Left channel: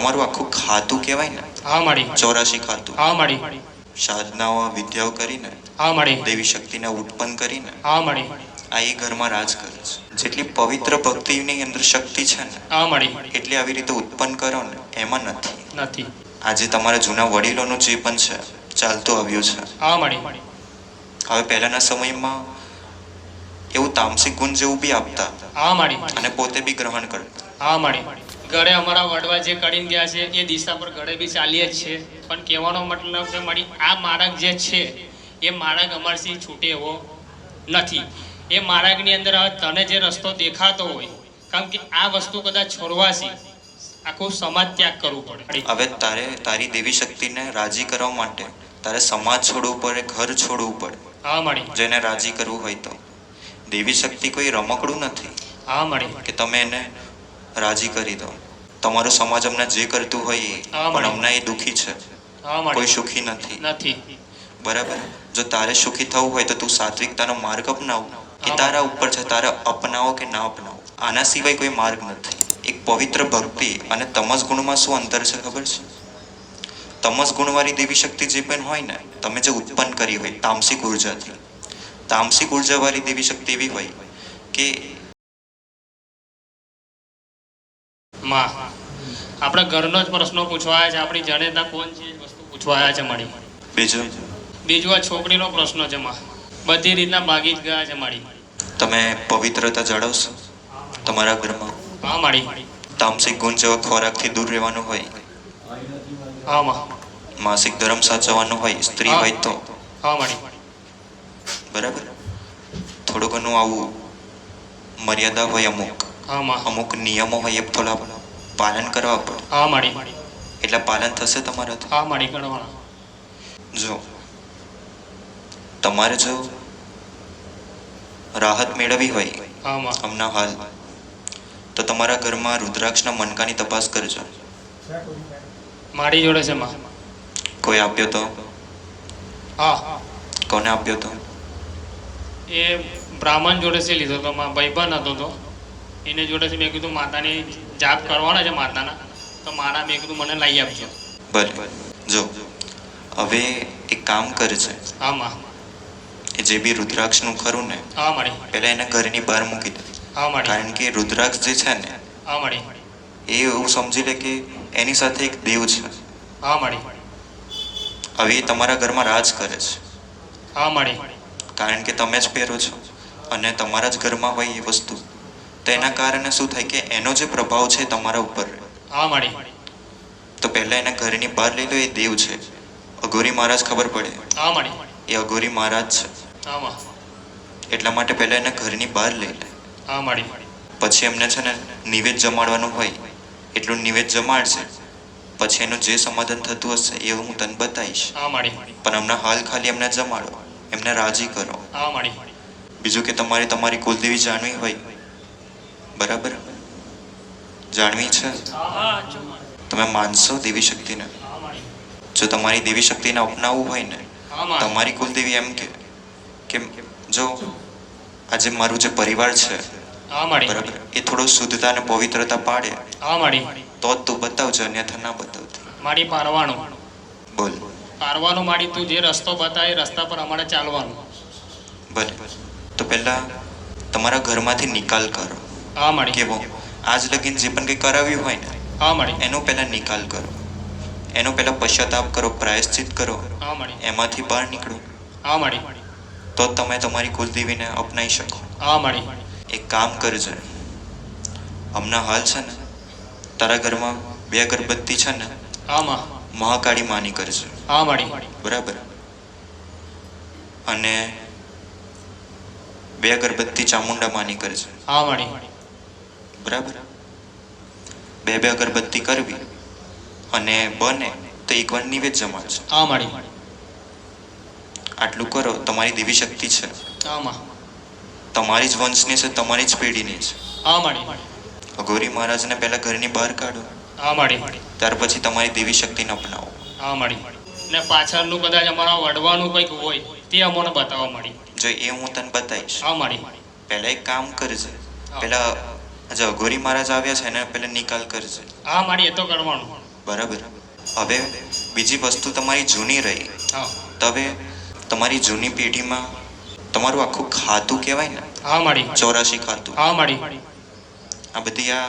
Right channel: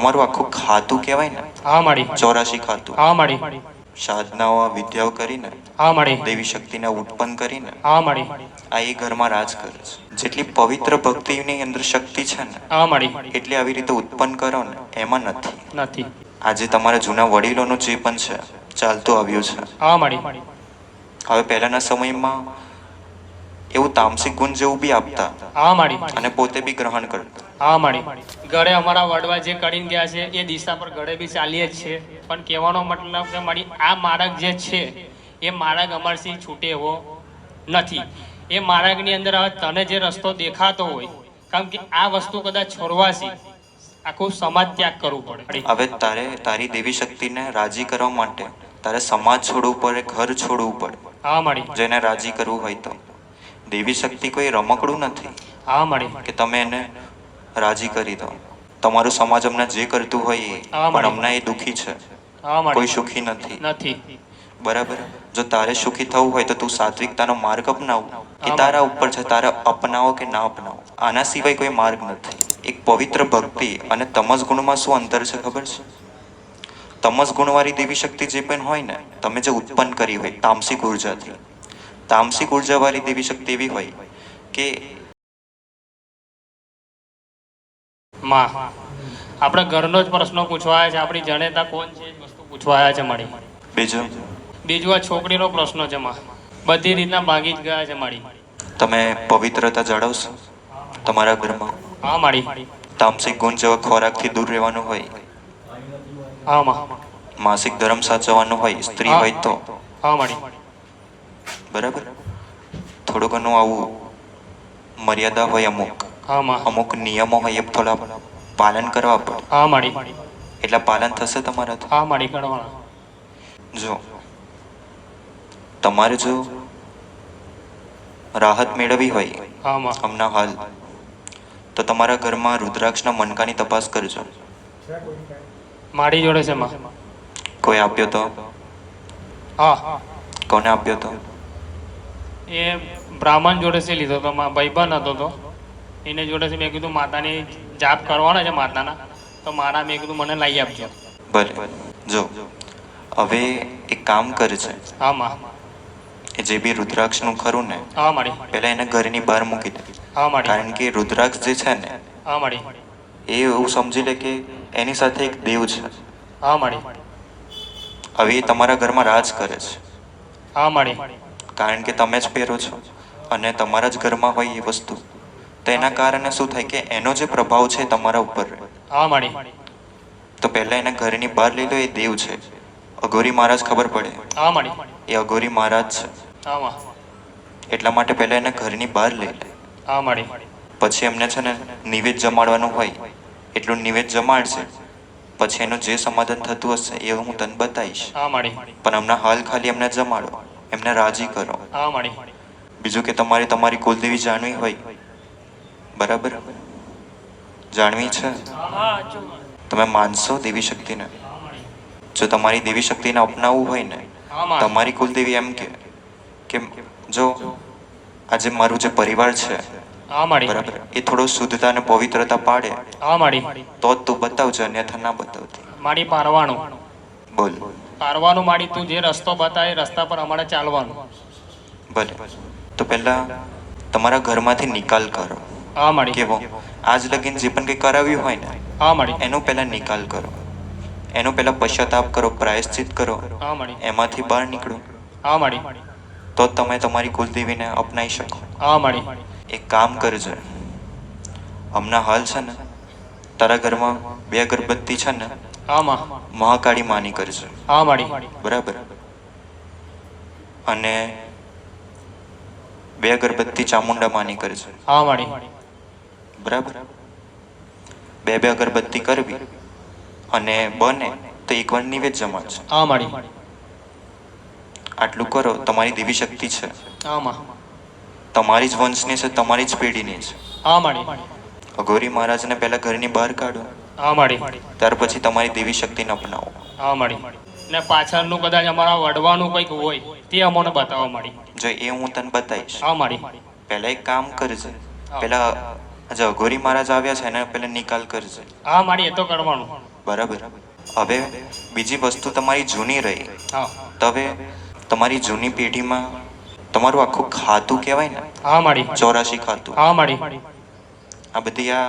તમારું આખું ખાતું કહેવાય ને, હા માડી 84 ખાતું, હા માડી સાધનાઓ વિદ્યાઓ કરીને, હા માડી દેવી શક્તિને ઉત્પન્ન કરીને હા માડી આ એ ઘરમાં રાજ કરે છે. જેટલી પવિત્ર ભક્તિની અંદર શક્તિ છે ને, હા માડી એટલી આવી રીતે ઉત્પન્ન કરો ને એમાં નથી. નથી. આજે તમારા જૂના વડીલોનું જે પણ છે ચાલતું આવ્યું છે. હા માડી હવે પહેલાના સમયમાં એવું તામસિક ગુણ જેવું બી આપતા હા માડી અને પોતે બી ગ્રહણ કરતા. હા માડી ગળે અમારા વડવા જે કરીને ગયા છે એ દિશા પર ગળે બી ચાલીએ જ છે. પણ કહેવાનો મતલબ કે મારી આ માળક જે છે એ માળક અમારથી છૂટે એવો નથી. એ માળકની અંદર હવે તને જે રસ્તો દેખાતો હોય, કારણ કે આ વસ્તુ કદાચ છોડવાથી આખું સમાજ ત્યાગ કરવું પડે. હવે તારે તારી દેવી શક્તિને રાજી કરવા માટે તારે સમાજ છોડવું પડે, ઘર છોડવું પડે. હા માડી જેને રાજી કરવું હોય તો. દેવી શક્તિ કોઈ રમકડું નથી હા માડી કે તમે એને રાજી કરી દો. તમારો સમાજ હમણાં જે કરતું હોય એ, હા, પણ માડી. હમણાં એ દુઃખી છે, હા માડી કોઈ સુખી નથી. નથી. બરાબર. જો તારે સુખી થવું હોય તો તું સાત્વિકતાનો માર્ગ અપનાવ. એ હા, તારા ઉપર છે, તારે અપનાવો કે ના અપનાવો. આના સિવાય કોઈ માર્ગ નથી. એક પવિત્ર ભક્તિ અને તમસ ગુણમાં શું અંતર છે ખબર છે? તમસ ગુણવાળી દેવી શક્તિ જે પણ હોય ને, તમે જે ઉત્પન્ન કરી હોય તામસિક ઉર્જાથી, તામસિક ઉર્જાવાળી દેવી શક્તિ એવી હોય કે માં આપણે ઘરનો જ પ્રશ્ન પૂછવા આવ્યા છે. આપણી જાણેતા કોણ છે એ વસ્તુ પૂછવા આવ્યા છે માડી. બીજું આ છોકરીનો પ્રશ્ન છે માં. બધી રીતના માગી જ ગયા છે માડી. તમે પવિત્રતા જાળવશો તમારા ઘરમાં. હા માડી તામસિક ગુણ જેવા ખોરાકથી દૂર રહેવાનું હોય, હા માં માસિક ધર્મ સાચવવાનું હોય, સ્ત્રી હા. હોય તો. હા માડી બરાબર. થોડું ઘણું આવું મર્યાદા હોય, અમુક હા માં અમુક નિયમો હોય, એ થોડા પાલન કરવા પડે. હા માડી એટલે પાલન થશે તમારાથી. હા માડી કરવાનું. જો તમારે જો રાહત મેળવવી હોય હા માં હમણાં હાલ, તો તમારા ઘરમાં રુદ્રાક્ષના મણકાની તપાસ કરજો. માડી જોડે છે માં. કોઈ આપ્યો તો? હા કોને આપ્યો તો? એ બ્રાહ્મણ જોડે છે લીધો તો માં. ભાઈબંધ હતો તો એને જોડે છે. મેં કીધું માતાની જાપ કરવાના છે માતાના, તો મારા મેં કીધું મને લાવી આપજો. ભલે. જો હવે એક કામ કરજે, હા માં એ જે બી રુદ્રાક્ષનું ખરું ને, હા માડી પહેલા એને ઘરની બહાર મૂકી દે. હા માડી કારણ કે રુદ્રાક્ષ જે છે ને, હા માડી એ એવું સમજી લે કે એની સાથે એક દેવ છે. હા માડી હવે એ તમારા ઘરમાં રાજ કરે છે, હા માડી કારણ કે તમે જ પહેરો છો અને તમારા જ ઘરમાં હોય એ વસ્તુ. તો એના કારણે શું થાય કે એનો જે પ્રભાવ છે તમારા ઉપર, હા માડી તો પહેલા એને ઘરની બહાર લઈ લો. એ દેવ છે. અઘોરી મહારાજ ખબર પડે? હા માડી એ અઘોરી મહારાજ છે. હા માં એટલા માટે પહેલા એને ઘરની બહાર લઈ લે. હા માડી પછી એમને છે ને નિવેદ જમાડવાનું હોય, એટલું નિવેદ જમાડશે. પછી એનું જે સમાધાન થતું હશે એ હું તને બતાવીશ. હા માડી પણ હમણાં હાલ ખાલી એમને જમાડો, એમને રાજી કરો. હા માડી બીજું કે તમારે તમારી કુલદેવી જાણવી હોય, બરાબર, જાણવી છે, તમે માનશો દેવી શક્તિને? જો તમારી દેવી શક્તિને અપનાવવું હોય ને, તમારી કુલદેવી એમ કે જો આજે મારું જે પરિવાર છે, હા માડી બરાબર, એ થોડો શુદ્ધતા અને પવિત્રતા પાડે હા માડી તો જ તું બતાવજો, અન્યથા ના બતાવતી. માડી પારવાનું બોલ. પારવાનું માડી. તું જે રસ્તો બતાવે એ રસ્તા પર અમારે ચાલવાનું. ભલે. તો પહેલા તમારા ઘરમાંથી નિકાલ કરો. હા માડી કેવો? આજ લગીન જે પણ કંઈ કરાવ્યું હોય ને, હા માડી એનો પહેલા નિકાલ કરો. એનો પહેલા પશ્ચાતાપ કરો, પ્રાયશ્ચિત કરો. હા માડી એમાંથી બહાર નીકળો, હા માડી તો જ તમે તમારી કુલદેવીને અપનાવી શકો. હા માડી એક કામ કરજે, હમણાં હાલ છે ને તારા ઘરમાં 2 અગરબત્તી છે ને, હા માં મહાકાળી માની કરજે. હા માડી બરાબર. અને 2 અગરબત્તી ચામુંડા માની કરજે. હા માડી બરાબર. 2 અગરબત્તી કરવી અને બને તો એકવાર નિવેદ જમાડશે. હા માડી આટલું કરો. તમારી દેવી શક્તિ છે, હા માં તમારી જ વંશની છે, તમારી જ પેઢીની છે. હા માડી અઘોરી મહારાજને પહેલા ઘરની બહાર કાઢો, હા માડી ત્યાર પછી તમારી દેવી શક્તિને અપનાવો. હા માડી ને પાછળનું કદાચ અમારા વડવાનું કંઈક હોય તે અમને બતાવો માડી. જો એ હું તને બતાવીશ. હા માડી પહેલા એક કામ કરજે, પહેલા જે અઘોરી મહારાજ આવ્યા છે એના પહેલા નિકાલ કરજે. હા માડી એ તો કરવાનું. બરાબર. હવે બીજી વસ્તુ તમારી જૂની રહી, હા તો હવે તમારી જૂની પેઢીમાં તમારું આખું ખાતું કહેવાય ને, હા માડી 84 ખાતું, હા માડી આ બધી આ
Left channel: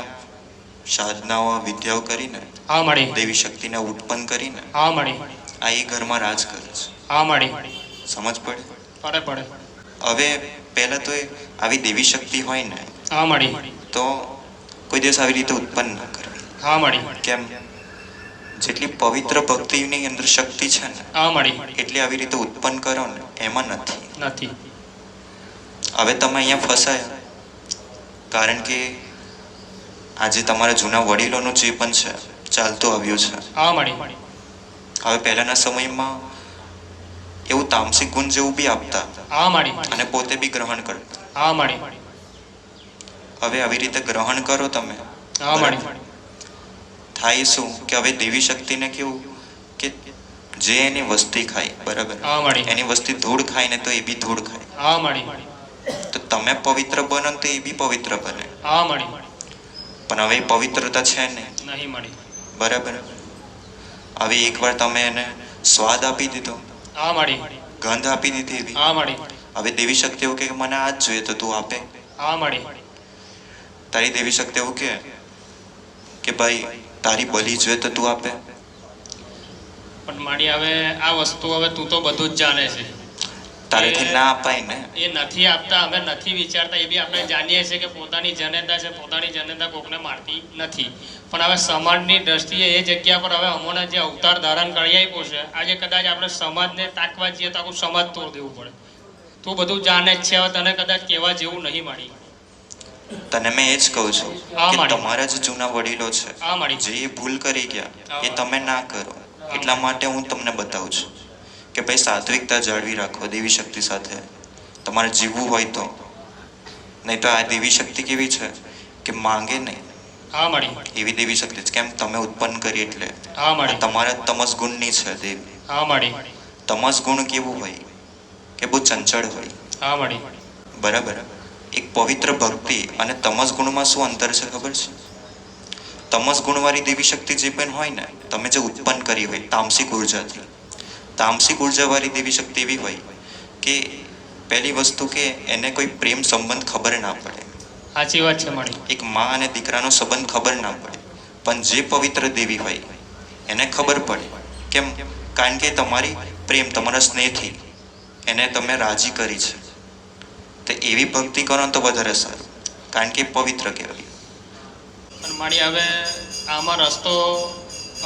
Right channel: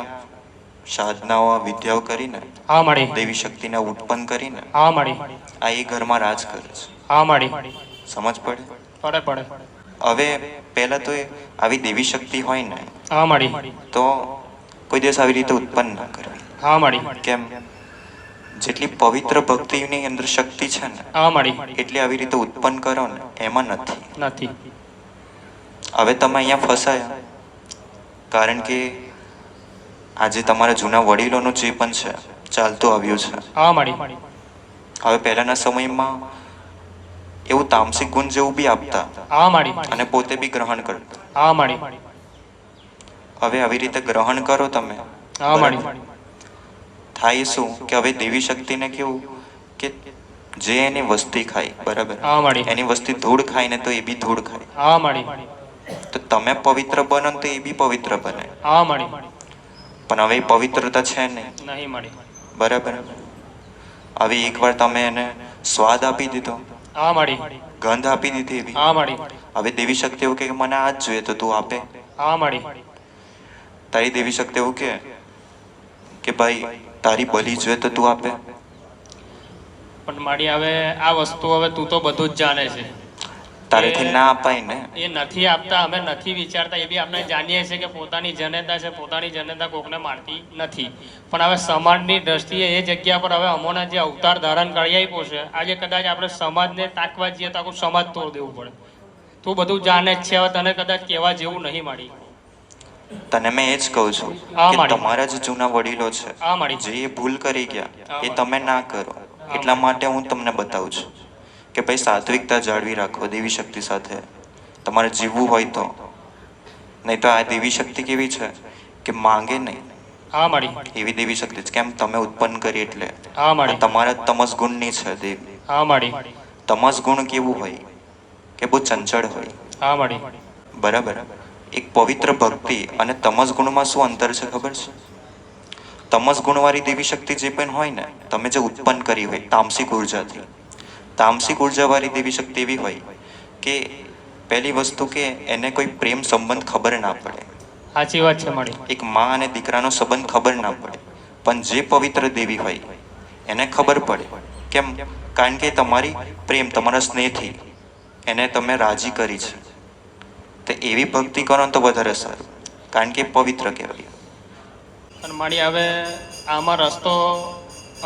સાધનાઓ વિદ્યાઓ કરીને હા માડી દેવી શક્તિને ઉત્પન્ન કરીને હા માડી આ એ ઘરમાં રાજ કરે છે. હા માડી સમજ પડી? પડે પડે હવે પહેલા તો આવી દેવી શક્તિ હોય ને હા માડી તો કોઈ દિવસ આવી રીતે ઉત્પન્ન ના કરે. હા માડી કેમ? જેટલી પવિત્ર ભક્તિની અંદર શક્તિ છે ને હા માડી એટલી આવી રીતે ઉત્પન્ન કરો ને એમાં નથી. નથી. હવે તમે અહીંયા ફસાયા કારણ કે આજે તમારા જૂના વડીલોનું જે પણ છે ચાલતું આવ્યું છે. હા માડી હવે પહેલાના સમયમાં એવું તામસિક ગુણ જેવું બી આપતા હા માડી અને પોતે બી ગ્રહણ કરતા. હા માડી હવે આવી રીતે ગ્રહણ કરો તમે, હા માડી બરાબર? થાય શું કે હવે દેવી શક્તિને કેવું કે જે એની વસ્તી ખાય, બરાબર, હા માડી એની વસ્તી ધૂળ ખાય ને તો એ બી ધૂળ ખાય. હા માડી તો તમે પવિત્ર બનો ને તો એ બી પવિત્ર બને. હા માડી પણ હવે એ પવિત્રતા છે નહીં, નહીં માડી બરાબર. હવે એકવાર તમે એને સ્વાદ આપી દીધો, હા માડી ગંધ આપી દીધી એવી. હા માડી હવે દેવી શક્તિ એવું કે મને આ જ જોઈએ તો તું આપે. હા માડી તારી દેવી શક્તિ એવું કે ભાઈ તારી બલી જોઈએ તો તું આપે. પણ માડી હવે આ વસ્તુ હવે તું તો બધું જ જાણે છે. તારેથી ના અપાય ને. એ નથી આપતા, અમે નથી વિચારતા, એ બી આપણે જાણીએ છીએ કે પોતાની જનતા છે, પોતાની જનતા કોકને મારતી નથી. પણ હવે સમાજની દ્રષ્ટિએ એ જગ્યા પર હવે અમોના જે અવતાર ધારણ કરી આપ્યો છે, આજે કદાચ આપણે સમાજને તાકવા જઈએ તો આખું સમાજ તોડ દેવું પડે. તું બધું જાણે જ છે, હવે તને કદાચ કહેવા જેવું નહીં માડી. તને મેં એ જ કહું છું હા કે માડી તમારા જે જૂના વડીલો છે હા માડી જે ભૂલ કરી ગયા એ તમે ના કરો. એટલા માટે હું તમને બતાવું છું કે ભાઈ સાત્વિકતા જાળવી રાખો દેવી શક્તિ સાથે તમારે જીવવું હોય તો. નહીં તો આ દેવી શક્તિ કેવી છે કે માંગે નહીં હા માડી એવી દેવી શક્તિ છે. કેમ? તમે ઉત્પન્ન કરી એટલે. હા આ માડી તમારા તમસ ગુણની છે દેવી. હા માડી તમસ ગુણ કેવું હોય કે બહુ ચંચળ હોય, હા માડી બરાબર. એક પવિત્ર ભક્તિ અને તમસ ગુણમાં શું અંતર છે ખબર છે? તમસ ગુણવાળી દેવી શક્તિ જે પણ હોય ને તમે જે ઉત્પન્ન કરી હોય તામસિક ઉર્જાથી, તામસિક ઉર્જાવાળી દેવી શક્તિ એવી હોય કે પહેલી વસ્તુ કે એને કોઈ પ્રેમ સંબંધ ખબર ના પડે. સાચી વાત છે માડી. એક માં અને દીકરાનો સંબંધ ખબર ના પડે. પણ જે પવિત્ર દેવી હોય એને ખબર પડે. કેમ? કારણ કે તમારી પ્રેમ, તમારા સ્નેહથી એને તમે રાજી કરી છે. તો એવી ભક્તિ કરો તો વધારે સારું, કારણ કે પવિત્ર કહેવાય. પણ માડી હવે આમાં રસ્તો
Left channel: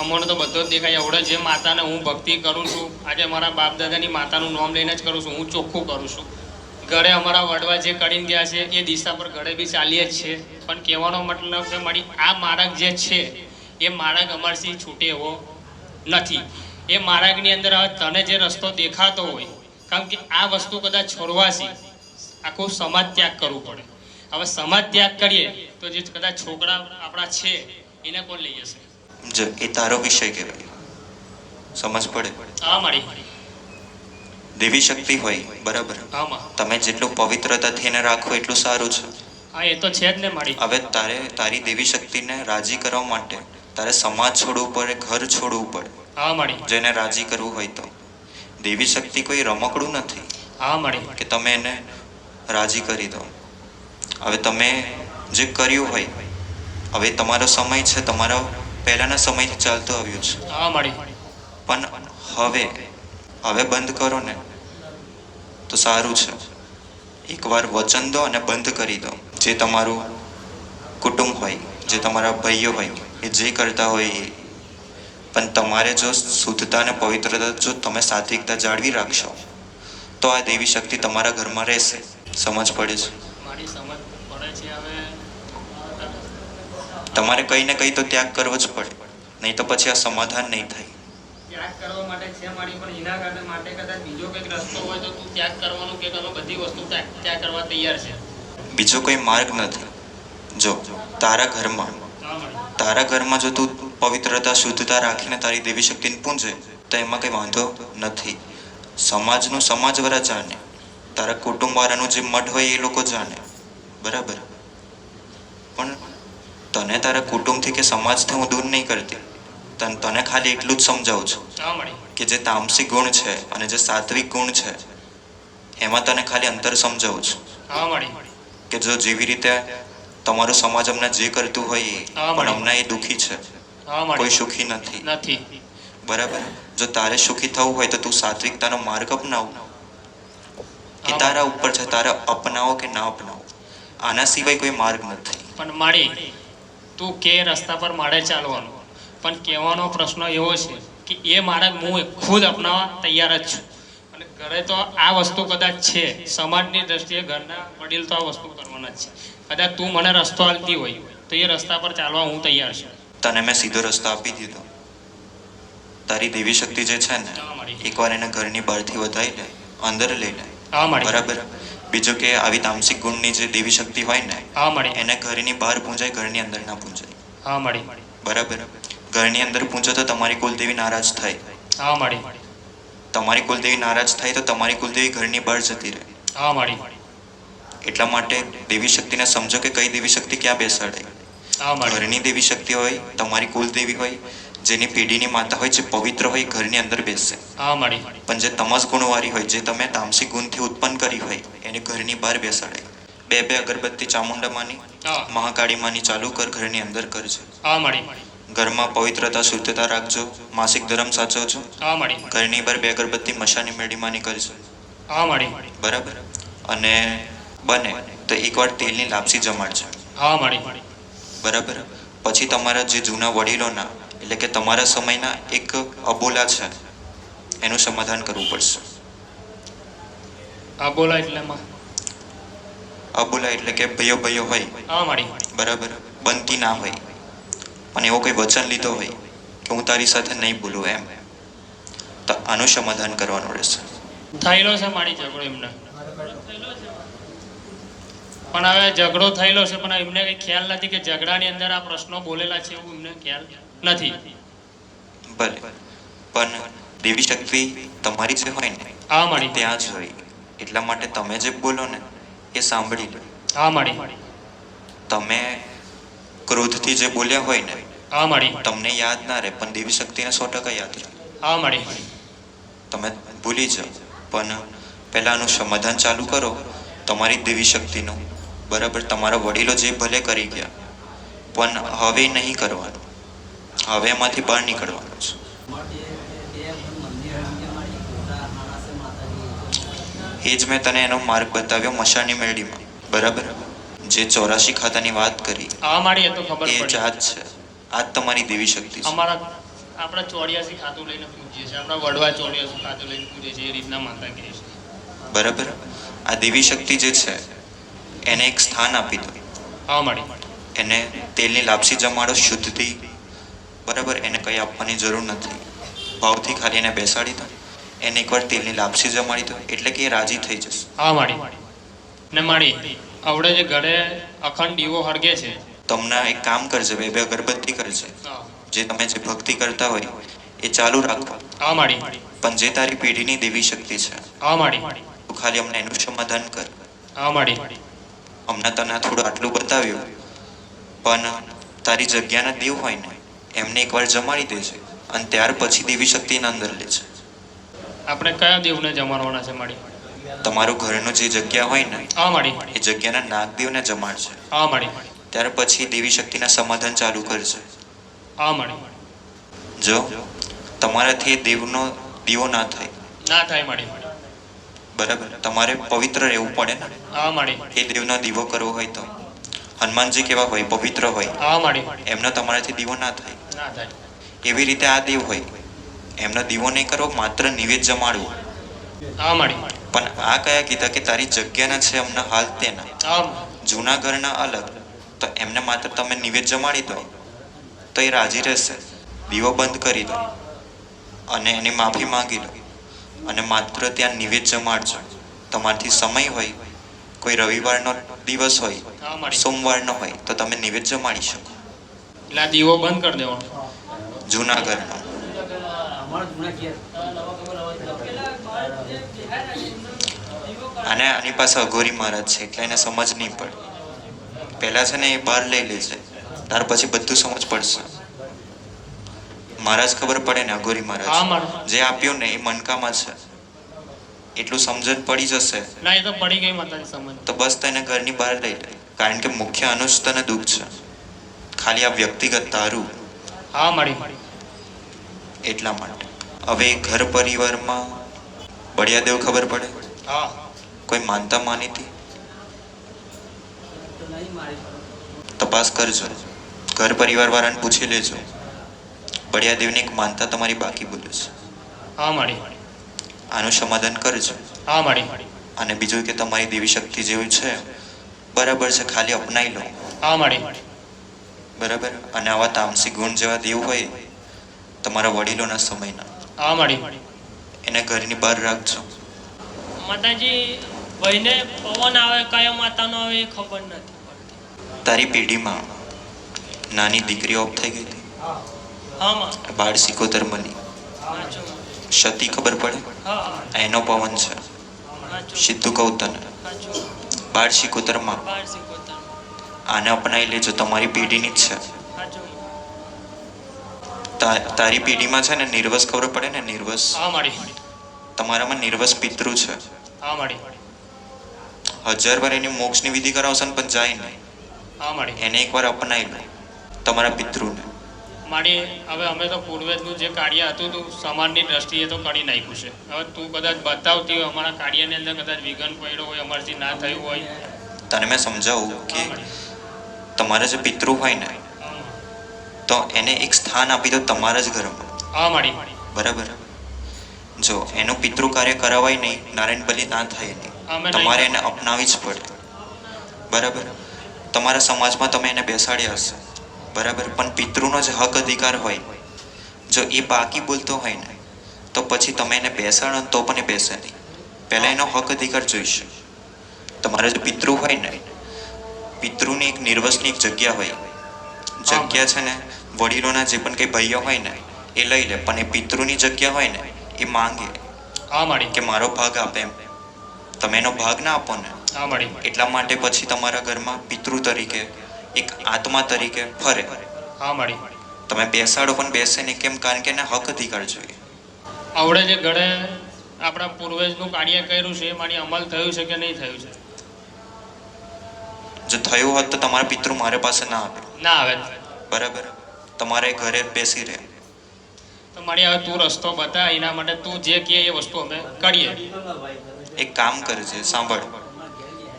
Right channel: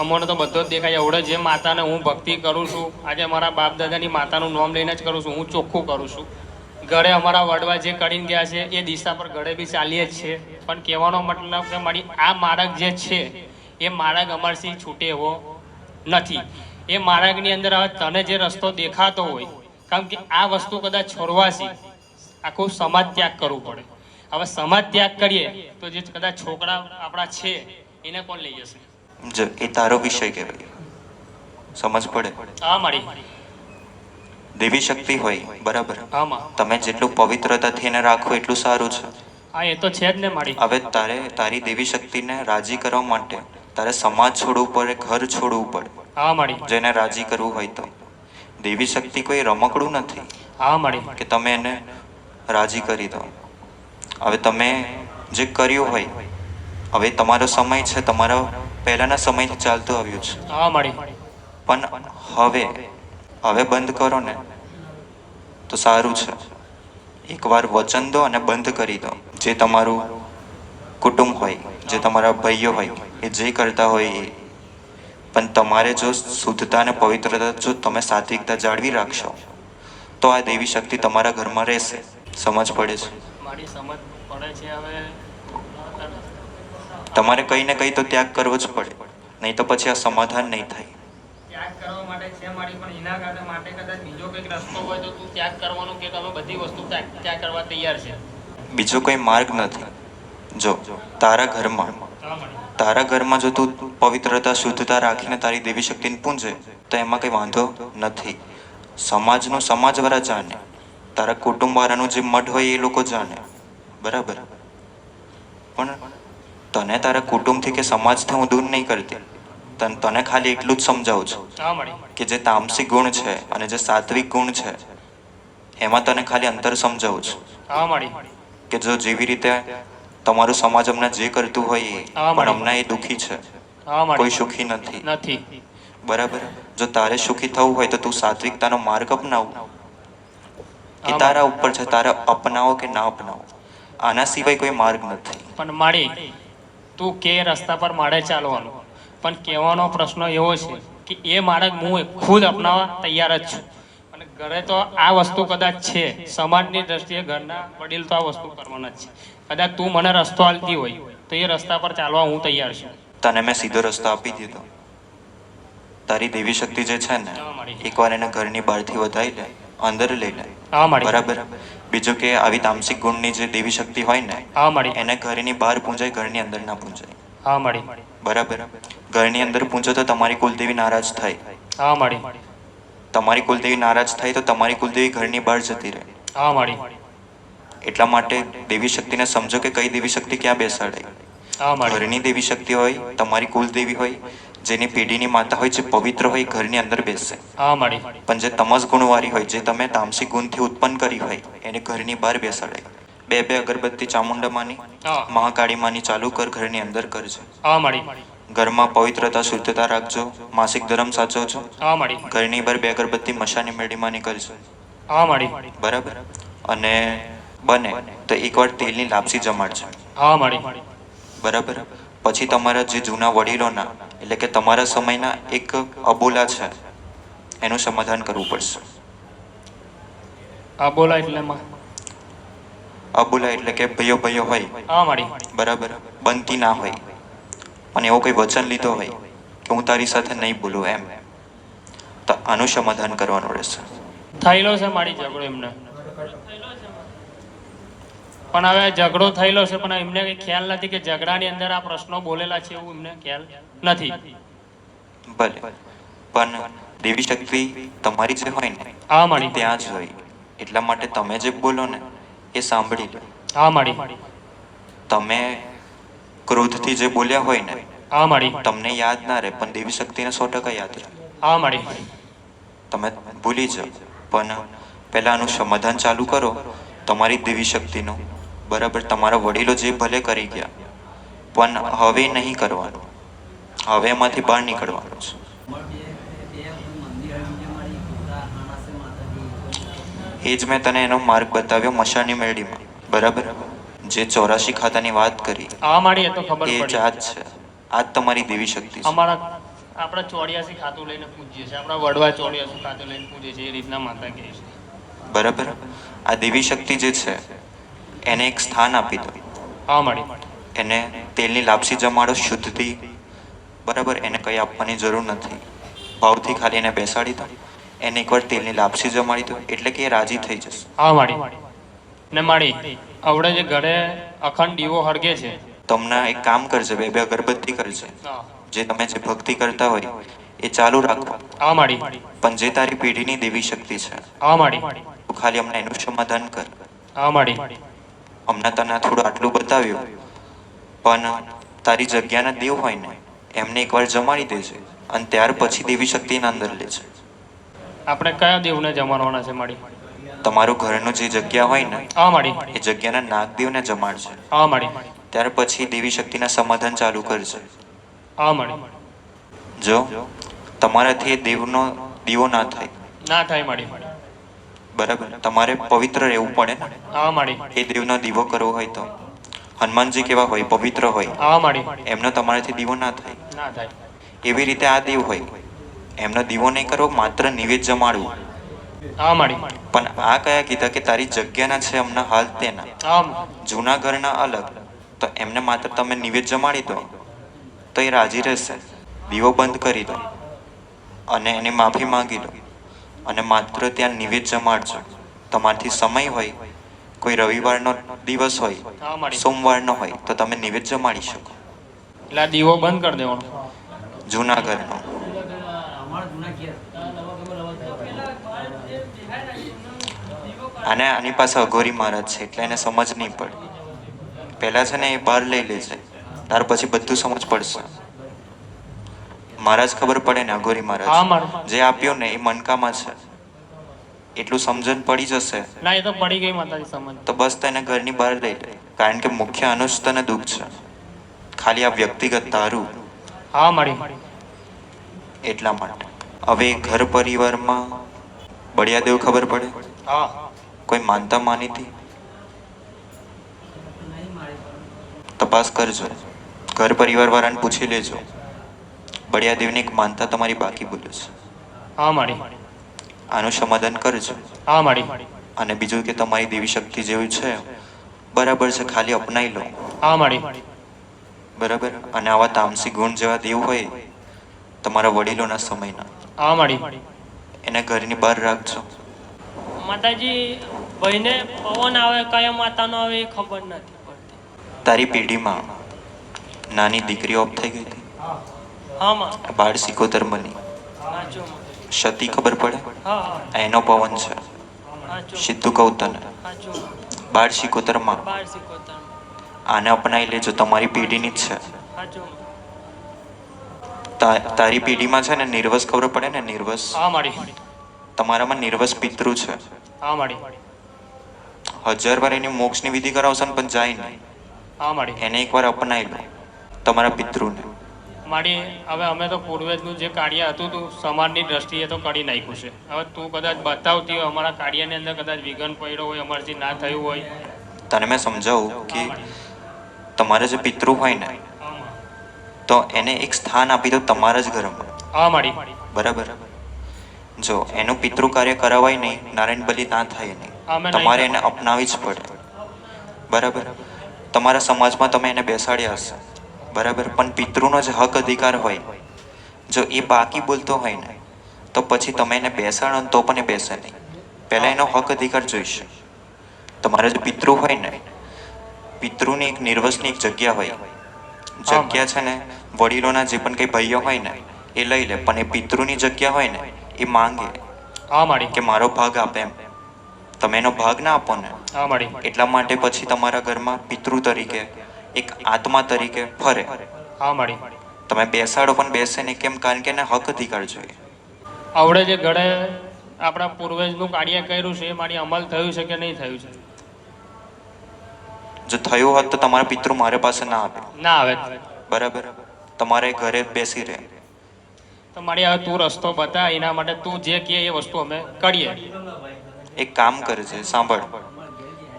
અમને તો બધો જ દેખાય. એવડે જે માતાને હું ભક્તિ કરું છું, આજે મારા બાપ દાદાની માતાનું નામ લઈને જ કરું છું, હું ચોખ્ખું કરું છું. ગળે અમારા વડવા જે કરીને ગયા છે એ દિશા પર ગળે બી ચાલીએ જ છે. પણ કહેવાનો મતલબ કે મારી આ માર્ગ જે છે એ માર્ગ અમારથી છૂટે એવો નથી. એ માર્ગની અંદર હવે તને જે રસ્તો દેખાતો હોય, કારણ કે આ વસ્તુ કદાચ છોડવાથી આખું સમાજ ત્યાગ કરવું પડે. હવે સમાજ ત્યાગ કરીએ તો જે કદાચ છોકરા આપણા છે એને કોણ લઈ જશે? જે એ તારો વિષય કહેવાય. સમજ પડે? હા માડી દેવી શક્તિ હોય, બરાબર, આમાં તમે જેટલું પવિત્રતાથી એને રાખો એટલું સારું છે. હા એ તો છે જ ને માડી. હવે તારી દેવી શક્તિને રાજી કરવા માટે તારે સમાજ છોડવું પડે, ઘર છોડવું પડે. હા માડી જેને રાજી કરવું હોય તો. દેવી શક્તિ કોઈ રમકડું નથી હા માડી કે તમે એને રાજી કરી દો. હવે તમે જે કર્યું હોય, હવે તમારો સમય છે, તમારો પહેલાના સમયથી ચાલતું આવ્યું છે, હા માડી પણ હવે બંધ કરો ને તો સારું છે. એકવાર વચન દો અને બંધ કરી દો. જે તમારું કુટુંબ હોય, જે તમારા ભાઈઓ હોય, એ જે કરતા હોય એ. પણ તમારે જો શુદ્ધતા અને પવિત્રતા જો તમે સાત્વિકતા જાળવી રાખશો તો આ દેવી શક્તિ તમારા ઘરમાં રહેશે. સમજ પડે છે? માડી સમજ પડે છે. હવે તમારે કંઈ ને કંઈ તો ત્યાગ કરવો જ પડે, નહીં તો પછી આ સમાધાન નહીં થાય. ત્યાગ કરવા માટે છે માડી, પણ એના માટે કદાચ બીજો કંઈક રસ્તો હોય તો તું ત્યાગ કરવાનું કે તમે બધી વસ્તુ ત્યાગ કરવા તૈયાર છે? બીજો કોઈ માર્ગ નથી. જો તારા ઘરમાં જો તું પવિત્રતા શુદ્ધતા રાખીને તારી દેવી શક્તિને પૂંજે તો એમાં કંઈ વાંધો નથી. સમાજનું સમાજવાળા જાણે, તારા કુટુંબવાળાનું જે મઠ હોય એ લોકો જાણે, બરાબર. પણ તને તારા કુટુંબથી કે સમાજથી હું દૂર નહીં કરતી. તને ખાલી એટલું જ સમજાવું છું હા મળી. કે જે તામસિક ગુણ છે અને જે સાત્વિક ગુણ છે એમાં તને ખાલી અંતર સમજાવું છું હા મળી. કે જો જેવી રીતે તમારો સમાજ હમણાં જે કરતું હોય એ, હા, પણ મળી. હમણાં એ દુઃખી છે, હા મળી. કોઈ સુખી નથી. નથી. બરાબર. જો તારે સુખી થવું હોય તો તું સાત્વિકતાનો માર્ગ અપનાવ. એ હા, તારા મળી. ઉપર છે, તારે અપનાવો કે ના અપનાવો. આના સિવાય કોઈ માર્ગ નથી. પણ માળી તું કે રસ્તા પર મારે ચાલવાનું, પણ કહેવાનો પ્રશ્ન એવો છે કે એ માર્ગ હું ખુદ અપનાવવા તૈયાર જ છું. અને ઘરે તો આ વસ્તુ કદાચ છે, સમાજની દ્રષ્ટિએ ઘરના વડીલ તો આ વસ્તુ કરવાના જ છે. કદાચ તું મને રસ્તો આપતી હોય તો એ રસ્તા પર ચાલવા હું તૈયાર છું. તને મેં સીધો રસ્તો આપી દીધો. તારી દેવી શક્તિ જે છે ને, હા, મળી. એકવાર એને ઘરની બહારથી વધાઈ લે, અંદર લઈ લે. હા મળી. બરાબર. બીજું કે આવી તામસિક ગુણની જે દેવી શક્તિ હોય ને, હા મળી. એને ઘરની બહાર પૂંજાય, ઘરની અંદર ના પૂંજાય. હા મળી. બરાબર. ઘરની અંદર પૂંજો તો તમારી કુલદેવી નારાજ થાય. હા મળી. તમારી કુલદેવી નારાજ થાય તો તમારી કુલદેવી ઘરની બહાર જતી રહે. હા મળી. એટલા માટે દેવી શક્તિને સમજો કે કઈ દેવી શક્તિ ક્યાં બેસાડે. હા મળી. ઘરની દેવી શક્તિ હોય, તમારી કુલદેવી હોય, જેની પેઢીની માતા હોય, જે પવિત્ર હોય, ઘરની અંદર બેસે. હા મળી. પણ જે તમસ ગુણવાળી હોય, જે તમે તામસિક ગુણથી ઉત્પન્ન કરી હોય, એને ઘરની બહાર બેસાડે. બે બે અગરબત્તી ચામુંડા માની, હા. મહાકાળી માની ચાલુ કર, ઘરની અંદર કરજો. હા મળી. ઘરમાં પવિત્રતા શુદ્ધતા રાખજો, માસિક ધર્મ સાચવજો. હા મળી. ઘરની બહાર બે અગરબત્તી મશાની મેળીમાની કરજો. હા મળી. બરાબર. અને બને તો એકવાર તેલની લાપસી જમાડજો. હા મળી. બરાબર. પછી તમારા જે જૂના વડીલોના, એટલે કે તમારા સમયના એક અબોલા છે, એનું સમાધાન કરવું પડશે. હા બોલો એટલે માં. અબોલા એટલે કે ભયો ભયો હોય. હા મળી. બરાબર. બનતી ના હોય અને એવો કોઈ વચન લીધો હોય કે હું તારી સાથે નહીં બોલું એમ, તો આનું સમાધાન કરવાનું રહેશે. થયેલો છે મારી ઝઘડો એમને, પણ હવે ઝઘડો થયેલો છે, પણ એમને કઈ ખ્યાલ નથી કે ઝઘડાની અંદર આ પ્રશ્નો બોલેલા છે, એવું એમને ખ્યાલ નથી. ભલે, પણ દેવી શક્તિ તમારી જે હોય ને, હા મળી. ત્યાં જ હોય. એટલા માટે તમે જે બોલો ને એ સાંભળી લો. હા મળી. તમે ક્રોધથી જે બોલ્યા હોય ને, હા મળી. તમને યાદ ના રહે, પણ દેવી શક્તિને 100% યાદ રહે. હા મળી. તમે ભૂલી જાઓ, પણ પહેલાં આનું સમાધાન ચાલુ કરો તમારી દેવી શક્તિનું. બરાબર. તમારા વડીલો જે ભલે કરી ગયા, પણ હવે નહીં કરવાનું. હવે એમાંથી બહાર નીકળવાનું છે. એ જ મેં તને એનો માર્ગ બતાવ્યો મશાની મેળીમાં. બરાબર. જે 84 ખાતાની વાત કરી, હા મળી. એ તો ખબર એ જ પડી. આ જ છે. આ જ તમારી દેવી શક્તિ છે. અમારા આપણે 84 ખાતું લઈને પૂજીએ છીએ, આપણા વડવા 84 ખાતું લઈને પૂજીએ છીએ, એ રીતના માતા કહે છે. બરાબર. આ દેવી શક્તિ જે છે એને એક સ્થાન આપી દો. હા મળી. એને તેલની લાપસી જમાડો શુદ્ધથી. બરાબર. એને કંઈ આપવાની જરૂર નથી. ભાવથી ખાલી એને બેસાડી દો. એને એકવાર તેલની લાપસી જમાડી દો, એટલે કે એ રાજી થઈ જશે. હા મળી. ને મળી આવડે જે ઘરે અખંડ દીવો હળગે છે. તમને એક કામ કરજે, બે બે અગરબત્તી કરજે. હા. જે તમે જે ભક્તિ કરતા હોય એ ચાલુ રાખો. હા મળી. પણ જે તારી પેઢીની દેવી શક્તિ છે, હા મળી. તું ખાલી અમને એનું સમાધાન કર. હા મળી. અમને તને થોડું આટલું બતાવ્યું, પણ તારી જગ્યાના દેવ હોય ને એમને એકવાર જમાડી દેજે, અને ત્યાર પછી દેવી શક્તિને અંદર લેજે. આપણે કયા દેવને જમાડવાના છે મળી? તમારું ઘરનું જે જગ્યા હોય ને હા મળી. એ જગ્યાના નાગદેવને જમાડશે. હા મળી. ત્યાર પછી દેવી શક્તિના સમાધાન ચાલુ કરશે. હા મળી. જો તમારાથી એ દેવનો દીવો ના થાય. ના થાય મળી. બરાબર. તમારે પવિત્ર રહેવું પડે ને. હા મળી. એ દેવનો દીવો કરવો હોય તો હનુમાનજી કેવા હોય, પવિત્ર હોય, હા મળી. એમનો તમારાથી દીવો ના થાય. ના થાય. એવી રીતે આ દેવ હોય, એમનો દીવો નહીં કરવો, માત્ર નિવેદ જમાડવું. હા મળી. પણ આ કયા કીધા કે તારી જગ્યાના છે હમણાં હાલ તેના, હા. જૂના ઘરના અલગ, તો એમને માત્ર તમે નિવેદ જમાડી દો તો એ રાજી રહેશે. દીવો બંધ કરી દો અને એની માફી માંગી લો, અને માત્ર ત્યાં નિવેદ જમાડજો. તમારથી સમય હોય, કોઈ રવિવારનો દિવસ હોય, હા મળી. સોમવારનો હોય, તો તમે નિવેદ જમાડી શકો. એટલે આ દીવો બંધ કરી દેવાનો. જૂના ઘરનો. અને આની પાસે અઘોરી મહારાજ છે, એટલે એને સમજ નહીં પડે. પહેલા છે ને એ બહાર લઈ લે છે, ત્યાર પછી બધું સમજ પડશે. મહારાજ ખબર પડે ને અઘોરી હા મહારાજ મારા જે આપ્યો ને એ મનકામાં છે એટલું સમજણ પડી જશે ના એ તો પડી ગઈ માતાજી સમજ તો બસ તેને ઘરની બહાર લઈ લે, કારણ કે મુખ્ય આનું જ તને દુઃખ છે, ખાલી આ વ્યક્તિગત તારું. હા મારી એટલા માટે હવે ઘર પરિવારમાં બળિયાદેવ ખબર પડે, હા કોઈ માનતા માનીતી તપાસ કરજો, ઘર પરિવાર વાળાને પૂછી લેજો, બળિયાદેવની એક માનતા તમારી બાકી બોલે છે, હા મારી આનું સમાધાન કરજો. હા મારી અને બીજું કે તમારી દેવી શક્તિ જેવી છે બરાબર છે, ખાલી અપનાવી લો. હા મારી બરાબર. અને આવા તામસી ગુણ જેવા દેવ હોય તમારા વડીલોના સમયના, હા મારી એને ઘરની બહાર રાખજો. માતાજી ભાઈને પવન આવે કયા માતાનો આવે એ ખબર નથી પડતી. તારી પેઢીમાં નાની દીકરી ઓફ થઈ ગઈ હતી, હા માં બાળ સિકોતર મળી, સાચું સતી ખબર પડે, હા એનો પવન છે. સાચું સિદ્ધુ કહું તને, સાચું બાળ સિકોતરમાં બાર શીખવતા આને અપનાવી લેજો, તમારી પેઢીની જ છે. સાચું તારી પેઢીમાં છે ને નિર્વસ ખબર પડે ને, નિર્વસ હા મારી તમારામાં નિર્વસ પિતૃ છે. હા મારી 1000 વાર એની મોક્ષની વિધિ કરાવશે ને પણ જાય નહીં, હા મારી એને એકવાર અપનાવી લો તમારા પિતૃને. મારી હવે અમે તો પૂર્વજનું જે કાર્ય હતું તું સમાજની દ્રષ્ટિએ તો કરી નાખ્યું છે. હવે તું કદાચ બતાવતી હોય અમારા કાર્યની અંદર કદાચ વિઘન પડ્યો હોય, અમારાથી ના થયું હોય, તને મેં સમજાવું કે તમારા જે પિતૃ હોય ને તો એને એક સ્થાન આપી દો તમારા જ ઘરમાં. હા મારી બરાબર. જો એનું પિતૃ કાર્ય કરાવાય નહીં, નારાયણ બલિ ના થાય નહીં, અમે તમારે એને અપનાવી જ પડે. બરાબર. તમારા સમાજમાં તમે એને બેસાડ્યા હશે, બરાબર, પણ પિતૃનો જે હક અધિકાર હોય, જો એ બાકી બોલતો હોય ને તો પછી તમે એને બેસાડો ને તો પણ એ બેસે નહીં, પહેલાં એનો હક અધિકાર જોઈશે. તમારા જે પિતૃ હોય ને, પિતૃની એક નિર્વસની એક જગ્યા હોય, જગ્યા છે ને વડીલોના જે પણ કંઈ ભાઈઓ હોય ને એ લઈ લે, પણ એ પિતૃની જગ્યા હોય ને એ માંગે હા મારી કે મારો ભાગ આપે એમ. તમે એનો ભાગ ના આપો ને હા મારી એટલા માટે પછી તમારા ઘરમાં પિતૃ તરીકે એક આત્મા તરીકે ફરે. હા મારી તમે બેસાડો પણ બેસે નહીં, કેમ? કારણ કે એને હક અધિકાર જોઈએ. આવડે જે ઘડે આપણા પૂર્વજનું કાર્ય કર્યું છે એ મારી અમલ થયું છે કે નહીં થયું છે? જો થયું હોત તો તમારા પિતૃ મારા પાસે ના આવે. ના આવે બરાબર. તમારે ઘરે જ બેસી રહે. તો મારી હવે તું રસ્તો બતા, એના માટે તું જે કહે એ વસ્તુ અમે કરીએ. એક કામ કરજે, સાંભળ,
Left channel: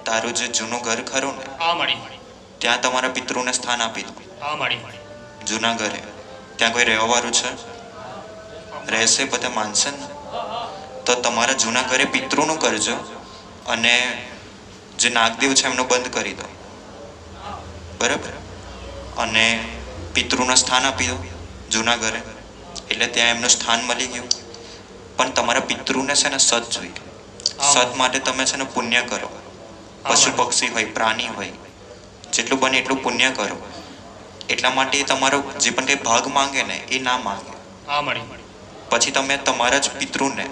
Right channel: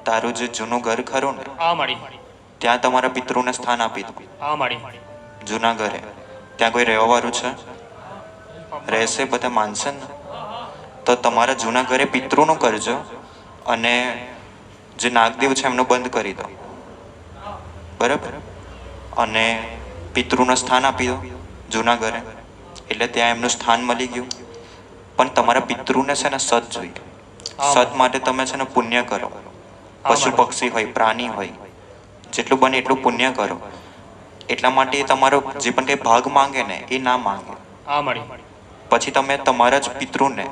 તારું જે જૂનું ઘર ખરું ને હા મારી ત્યાં તમારા પિતૃને સ્થાન આપી દો. હા મારી જૂના ઘરે ત્યાં કોઈ રહેવાવાળું છે? રહેશે, બધા માનશે ને? તો તમારા જૂના ઘરે પિતૃનું કરજો અને જે નાગદેવ છે એમનું બંધ કરી દો. બરાબર. અને પિતૃનું સ્થાન આપી દો જૂના ઘરે, એટલે ત્યાં એમનું સ્થાન મળી ગયું. પણ તમારા પિતૃને છે ને સત જોઈએ. સત માટે તમે છે ને પુણ્ય કરો, પશુ પક્ષી હોય, પ્રાણી હોય, જેટલું બને એટલું પુણ્ય કરો. એટલા માટે તમારો જે પણ કંઈ ભાગ માંગે ને એ ના માંગે. હા મારી પછી તમે તમારા જ પિતૃને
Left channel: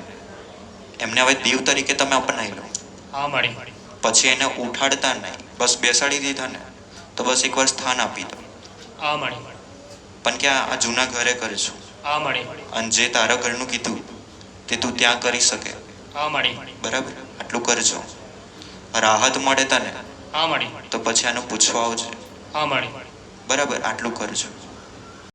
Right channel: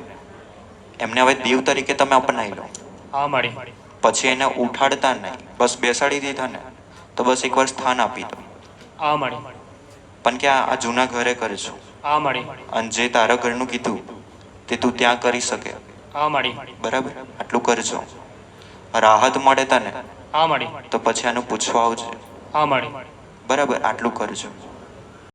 એમને હવે દેવ તરીકે તમે અપનાવી લો. હા મારી પછી એને ઉઠાડતા નહીં, બસ બેસાડી દીધા ને તો બસ એકવાર સ્થાન આપી દો. હા મારી પણ કે આ જૂના ઘરે કરીશું, હા મારી અને જે તારા ઘરનું કીધું તે તું ત્યાં કરી શકે. હા મારી બરાબર. આટલું કરજો, રાહત મળે તને હા મારી તો પછી આનું પૂછવા આવજે. હા મારી બરાબર. આટલું કરજો.